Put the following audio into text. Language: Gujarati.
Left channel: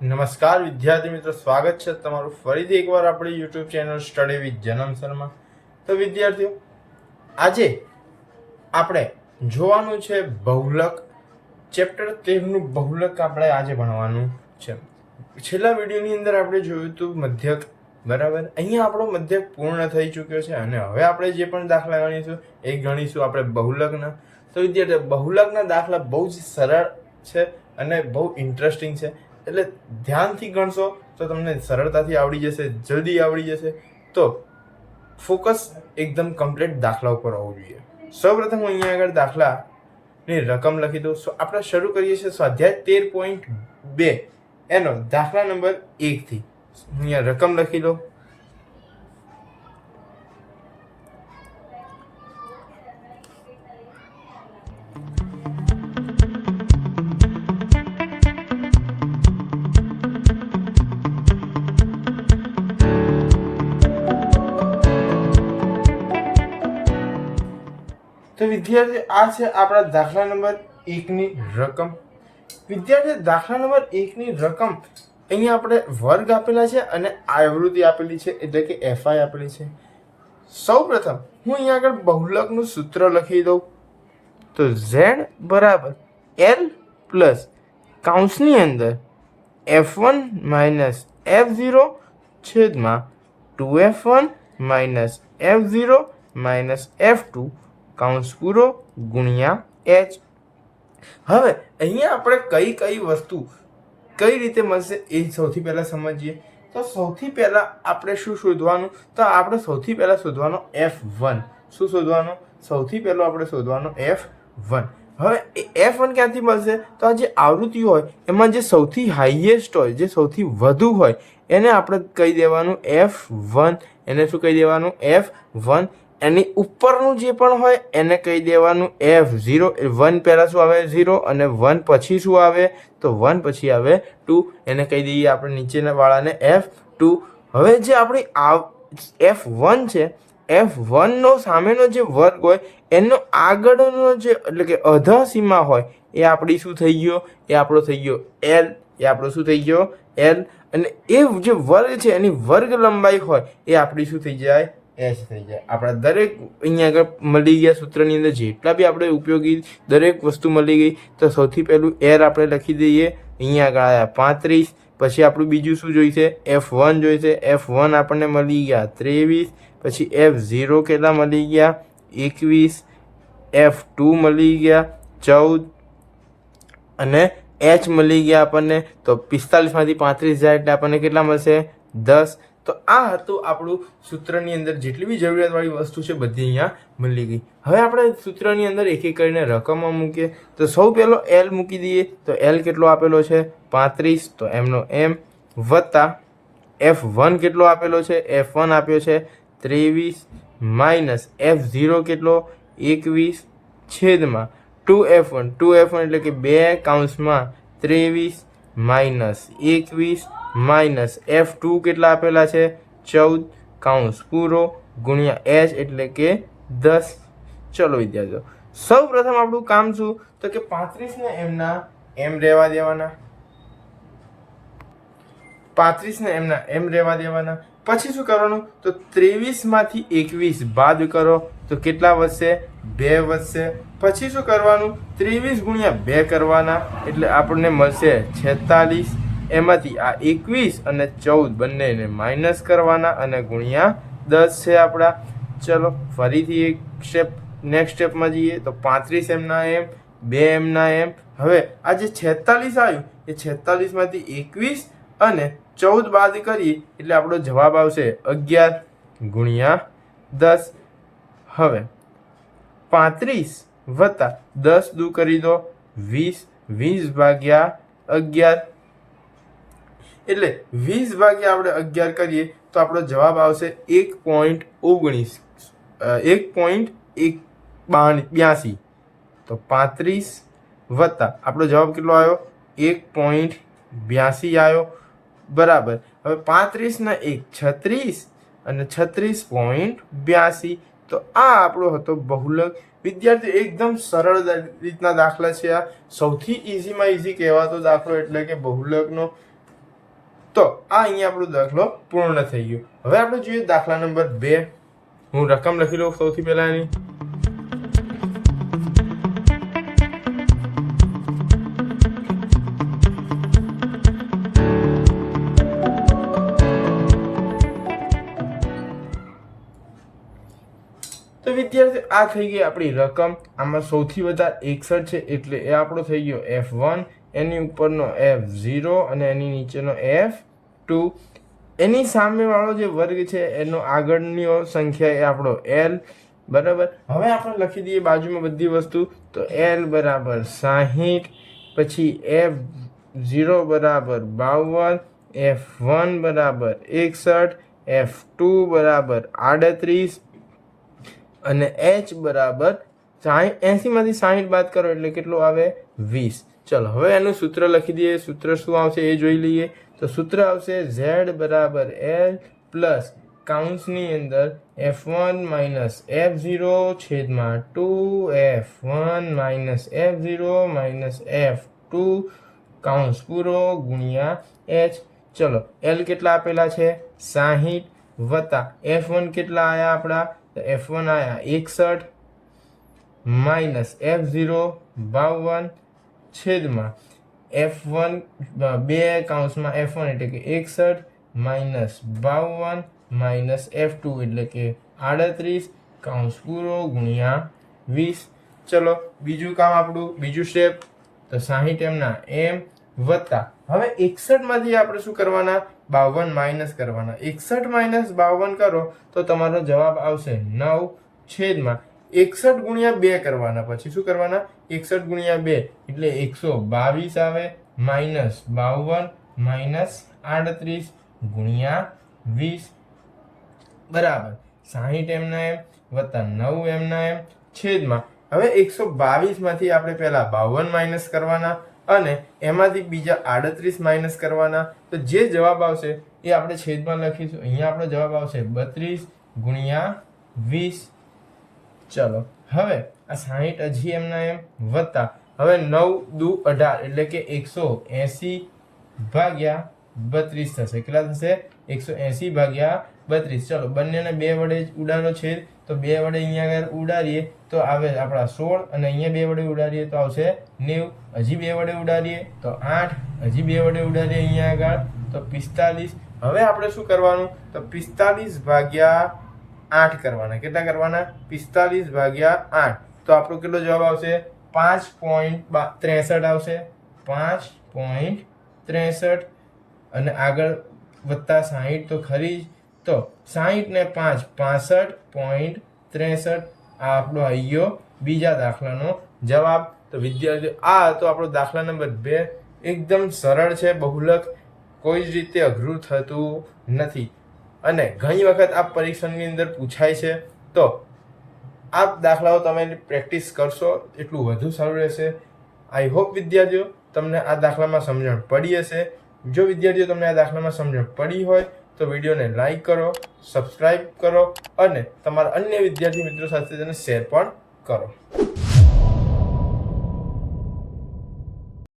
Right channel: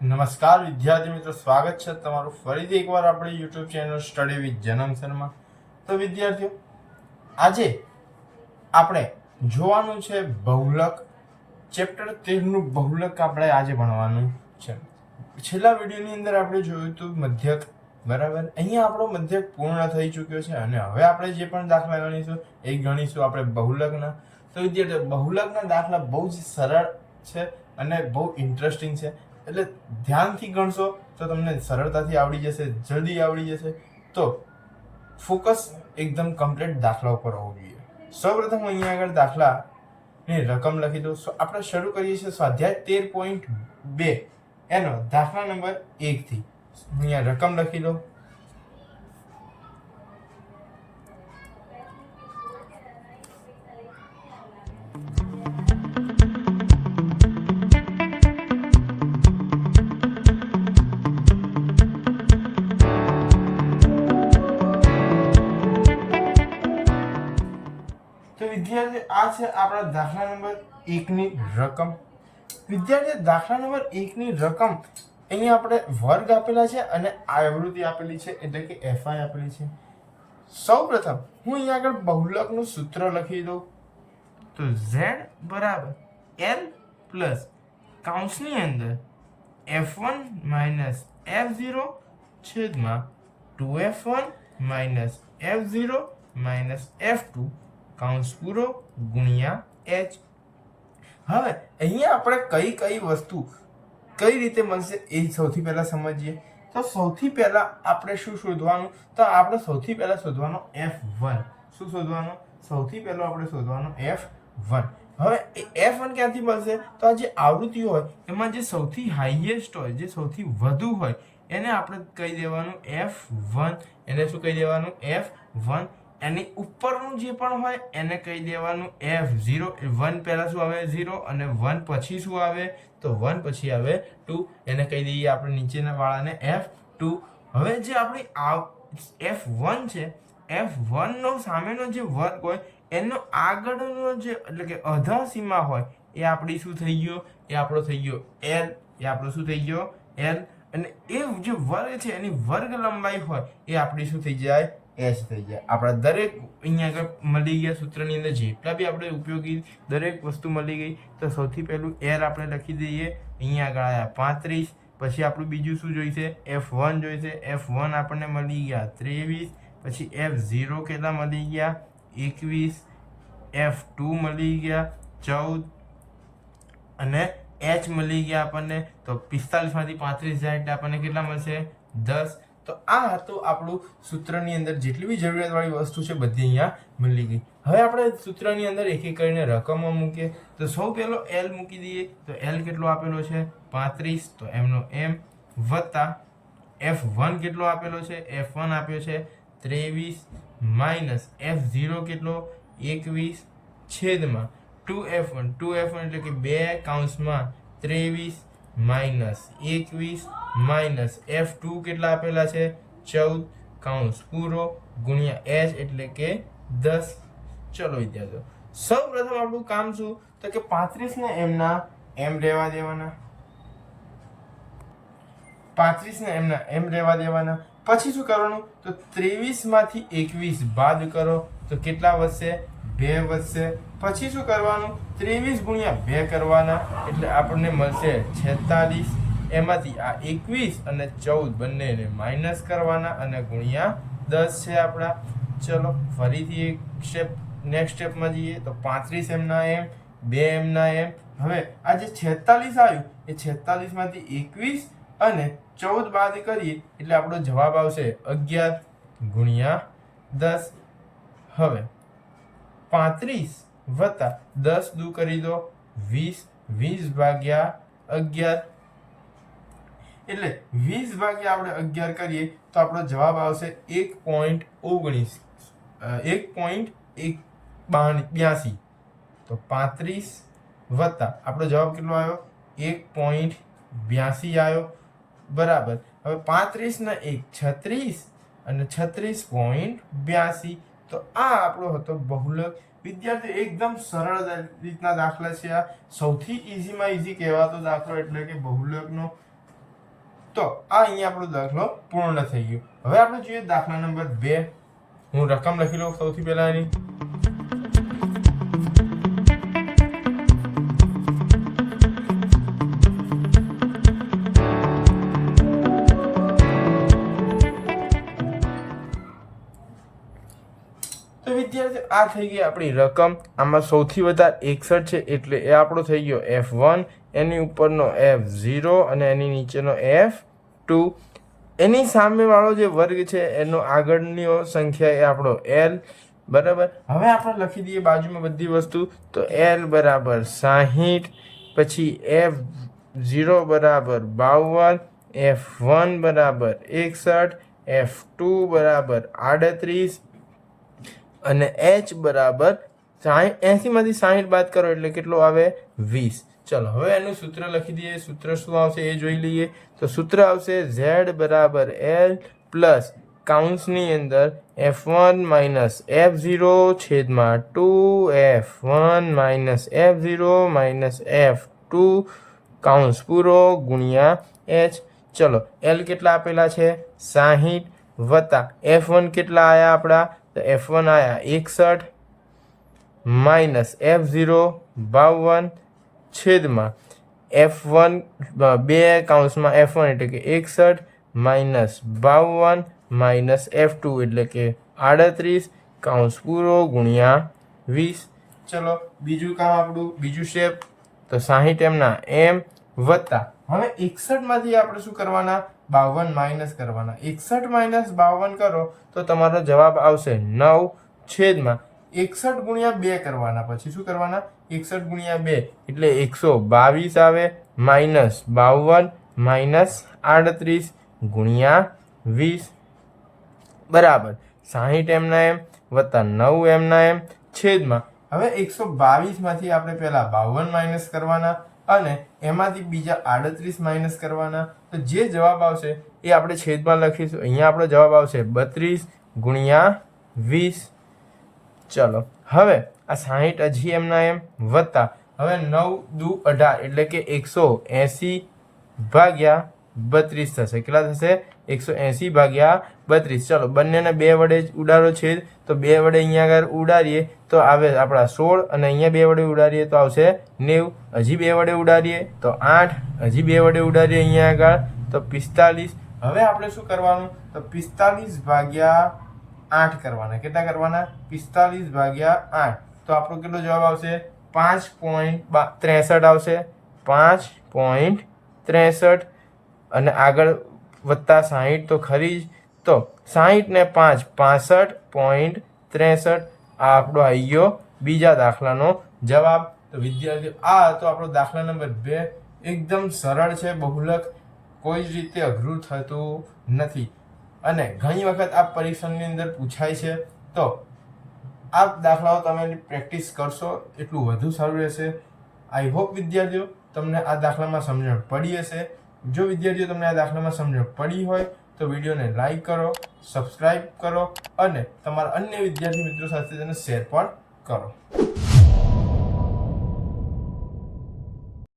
નમસ્કાર વિદ્યાર્થી મિત્રો, સ્વાગત છે તમારું ફરીથી એકવાર આપણી યુટ્યુબ ચેનલ સ્ટડી વિથ જનમ શર્મા. તો વિદ્યાર્થીઓ, આજે આપણે જોવાનું છે બહુલક. ચેપ્ટર 13નું બહુલક આપણે આજે ભણવાનું છે. છેલ્લા વિડીયોની અંદર આપણે જોયું હતું મધ્યક, બરાબર. અહીંયા આપણો મધ્યક પૂર્ણ થઈ ચૂક્યો છે અને હવે આપણે જે પણ દાખલા ગણીશું એ ગણીશું આપણે બહુલકના. તો વિદ્યાર્થીઓ, બહુલકના દાખલા બહુ જ સરળ છે અને બહુ ઇન્ટરેસ્ટિંગ છે. એટલે ધ્યાનથી ગણશો તો તમને સરળતાથી આવડી જશે, જલ્દી આવડી જશે. તો ફોકસ એકદમ કમ્પ્લીટ દાખલા ઉપર હોવું જોઈએ. સૌપ્રથમ હું અહીંયા આગળ દાખલાની રકમ લખી દઉં. આપણે શરૂ કરીએ છીએ સ્વાધ્યાય 13.2 એનો દાખલા નંબર 1 થી. અહીંયા રકમ લખી દો. તો વિદ્યાર્થી, આ છે આપણા દાખલા નંબર 1 ની રકમ. વિદ્યાર્થી, દાખલા નંબર 1 ની રકમ અહીંયા આપણે વર્ગ આપેલા છે અને આવૃત્તિ આપેલી છે, એટલે કે એફઆઈ આપેલી છે. સૌપ્રથમ હું અહીંયા આગળ બહુલકનું સૂત્ર લખી દઉં. તો ઝેડ બરાબર એલ પ્લસ કૌંસની અંદર F1 માઇનસ F0 છેદમાં 2F1 minus F0 minus F2 કૌંસ પૂરો ગુણ્યા H. હવે અહીંયા આપણે કઈ કઈ વસ્તુ કઈ રીતે મળશે એ સૌથી પહેલા સમજીએ. તો સૌથી પહેલા આપણે શું શોધવાનું? તો આપણે સૌથી પહેલા શોધવાનો F1. શું શોધવાનું? સૌથી પહેલો આપણે શોધવાનો F1. હવે F1 ક્યાંથી મળશે? તો આ જે આવૃત્તિ હોય એમાં જે સૌથી હાઈએસ્ટ હોય, જે સૌથી વધુ હોય, એને આપણે કહી દેવાનું F1. એને શું કહી દેવાનું? F1. એની ઉપરનું જે પણ હોય એને કહી દેવાનું F0. 1 પહેલાં શું આવે? 0. અને 1 પછી શું આવે? તો 1 પછી આવે 2. એને કહી દઈએ આપણે નીચેના વાળાને F2. હવે જે આપણી F1 છે, F1નો સામેનો જે વર્ગ હોય એનો આગળનો જે એટલે કે અધા સીમા હોય એ આપણી શું થઈ ગયો? એ આપણો થઈ ગયો L. એ આપણો શું થઈ ગયો? L. અને એ જે વર્ગ છે એની વર્ગ લંબાઈ હોય એ આપણી શું થઈ જાય? H થઈ જાય. આપણા દરેક અહીંયા આગળ મળી ગયા સૂત્રની અંદર જેટલા બી આપણે ઉપયોગી દરેક વસ્તુ મળી ગઈ. તો સૌથી પહેલું R આપણે લખી દઈએ. અહીંયા આગળ આવ્યા 35. પછી આપણું બીજું શું જોઈશે? F1 જોઈશે. F1 આપણને મળી ગયા 23. પછી F0 કેટલા મળી ગયા? 21. F2 મળી ગયા 14. અને H મળી ગયા આપણને. તો 45 માંથી 35 જાય એટલે આપણને કેટલા મળશે? 10. તો આ હતું આપણું સૂત્રની અંદર જેટલી બી જરૂરિયાતવાળી વસ્તુ છે બધી અહીંયા મળી ગઈ. હવે આપણે સૂત્રની અંદર એક એક કરીને રકમો મૂકીએ. તો સૌ પહેલો L મૂકી દઈએ. તો L કેટલો આપેલો છે? 35. તો એમનો M વત્તા F1 કેટલો આપેલો છે? F1 આપ્યો છે 23 માઇનસ F0 કેટલો? 21 છેદમાં 2F1. 2F1 એટલે કે 2 કૌંસમાં 23 માઇનસ 21 માઇનસ F2 કેટલા આપેલા છે? 14 કૌંસ પૂરો ગુણ્યા H એટલે કે 10. ચલો વિદ્યાર્થીઓ, સૌ પ્રથમ આપણું કામ શું? તો કે 35 ને એમના એમ રહેવા દેવાના. 35 ને એમના એમ રહેવા દેવાના. પછી શું કરવાનું? તો 23 માંથી 21 બાદ કરો તો કેટલા વધશે? 2 વધશે. પછી શું કરવાનું? 23 ગુણ્યા 2 કરવાના એટલે આપણને મળશે 46. એમાંથી આ 21 અને 14 બંનેને માઇનસ કરવાના અને ગુણ્યા 10 છે આપણા. ચલો ફરીથી એક સ્ટેપ નેક્સ્ટ સ્ટેપમાં જઈએ. તો 35 એમના એમ, 2 એમના એમ. હવે આ જે 46 આવ્યું એ 46 માંથી 21 અને 14 બાદ કરીએ એટલે આપણો જવાબ આવશે 11 ગુણ્યા 10. હવે 35 વત્તા 10 દૂ કરી દો 20. 20 ભાગ્યા 11 એટલે 20 ભાગ્યા આપણે 11 કરીએ તો આપણો જવાબ આવશે 1.19. 1.82. તો 35 વત્તા આપણો જવાબ કેટલો આવ્યો? 1.82 આવ્યો. બરાબર. હવે 35 ના 1 36 અને 36.82. તો આ આપણો હતો બહુલક. વિદ્યાર્થી એકદમ સરળ રીતના દાખલા છે. આ સૌથી ઇઝીમાં ઇઝી કહેવાતો દાખલો એટલે કે બહુલકનો. તો આ અહીંયા આપણો દાખલો પૂર્ણ થઈ ગયો. હવે આપણે જોઈએ દાખલા નંબર 2. હું રકમ લખી લઉં સૌથી પહેલા એની. તો વિદ્યાર્થી આ થઈ ગઈ આપણી રકમ. આમાં સૌથી વધારે 61 છે એટલે એ આપણો થઈ ગયો F1, એની ઉપરનો F0 અને એની નીચેનો F2. એની સામેવાળો જે વર્ગ છે એનો આગળની સંખ્યા એ આપણો L, બરાબર. હવે આપણે લખી દઈએ બાજુમાં બધી વસ્તુ. તો L બરાબર 60, પછી F0 બરાબર 52, F1 બરાબર 61, F2 બરાબર 38 અને H બરાબર 80 માંથી 60 બાદ કરો એટલે કેટલો આવે 20. ચલો હવે એનું સૂત્ર લખી દઈએ. સૂત્ર શું આવશે એ જોઈ લઈએ. તો સૂત્ર આવશે Z બરાબર L પ્લસ કાઉન્સની અંદર F1 માઇનસ F0 છેદમાં 2F1 minus F0 minus F2 કાઉન્સ પૂરો ગુણ્યા H. ચલો L કેટલા આપેલા છે 60 વત્તા F1 કેટલા આયા આપણા, તો F1 આયા 61 માઇનસ F0 52 છેદમાં F1 બે કાઉન્સમાં F1 એટલે કે 61 માઇનસ 52 માઇનસ F2 એટલે કે 38 કાઉન્સ પૂરો ગુણ્યા 20. ચલો બીજું કામ આપણું, બીજું સ્ટેપ. તો 60 એમના એમ વત્તા હવે 61 માંથી આપણે શું કરવાના 52 માઇનસ કરવાના. 61 માઇનસ 52 કરો તો તમારો જવાબ આવશે 9 છેદમાં 61 ગુણ્યા 2 કરવાના. પછી શું કરવાના 61 ગુણ્યા 2 એટલે 122 આવે માઇનસ 52 માઇનસ 38 ગુણ્યા 20 બરાબર 60 એમના એમ વત્તા 9 એમના એમ છેદમાં હવે 122 માંથી આપણે પહેલા 52 માઇનસ કરવાના અને એમાંથી બીજા 38 માઇનસ કરવાના. તો જે જવાબ આવશે એ આપણે છેદમાં લખીશું. અહીંયા આપણો જવાબ આવશે 32 ગુણ્યા 20. ચલો હવે આ 60 હજી એમના એમ વત્તા હવે 9 દુ 18 એટલે કે 180 ભાગ્યા 32 થશે. કેટલા થશે 180 ભાગ્યા 32. ચલો બંનેને 2 વડે જ ઉડાડો છે તો 2 વડે અહીંયા આગળ ઉડાડીએ તો આવે આપણા 16 અને અહીંયા 2 વડે ઉડાડીએ તો આવશે 90. હજી 2 વડે ઉડાડીએ તો 8, હજી 2 વડે ઉડાડીએ અહીંયા આગળ તો 45. હવે આપણે શું કરવાનું તો 45 ભાગ્યા 8 કરવાના. કેટલા કરવાના 45 ભાગ્યા 8 તો આપણો કેટલો જવાબ આવશે 5.63 આવશે. 5.63 અને આગળ વત્તા 60 તો ખરી જ. તો 60 ને 5 65.63 આ આપણો આવી ગયો બીજા દાખલાનો જવાબ. તો વિદ્યાર્થીઓ આ હતો આપણો દાખલા નંબર 2. એકદમ સરળ છે, બહુલક કોઈ જ રીતે અઘરું થતું નથી અને ઘણી વખત આ પરીક્ષાની અંદર પૂછાય છે. તો આ દાખલાઓ તમે પ્રેક્ટિસ કરશો એટલું વધુ સારું રહેશે. આઈ હોપ વિદ્યાર્થીઓ તમને આ દાખલામાં સમજણ પડી હશે. જો વિદ્યાર્થીઓ તમને આ દાખલામાં સમજણ પડી હોય તો વિડીયોને લાઈક કરો, સબસ્ક્રાઈબ કરો અને તમારા અન્ય વિદ્યાર્થી મિત્રો સાથે તેને શેર પણ કરો.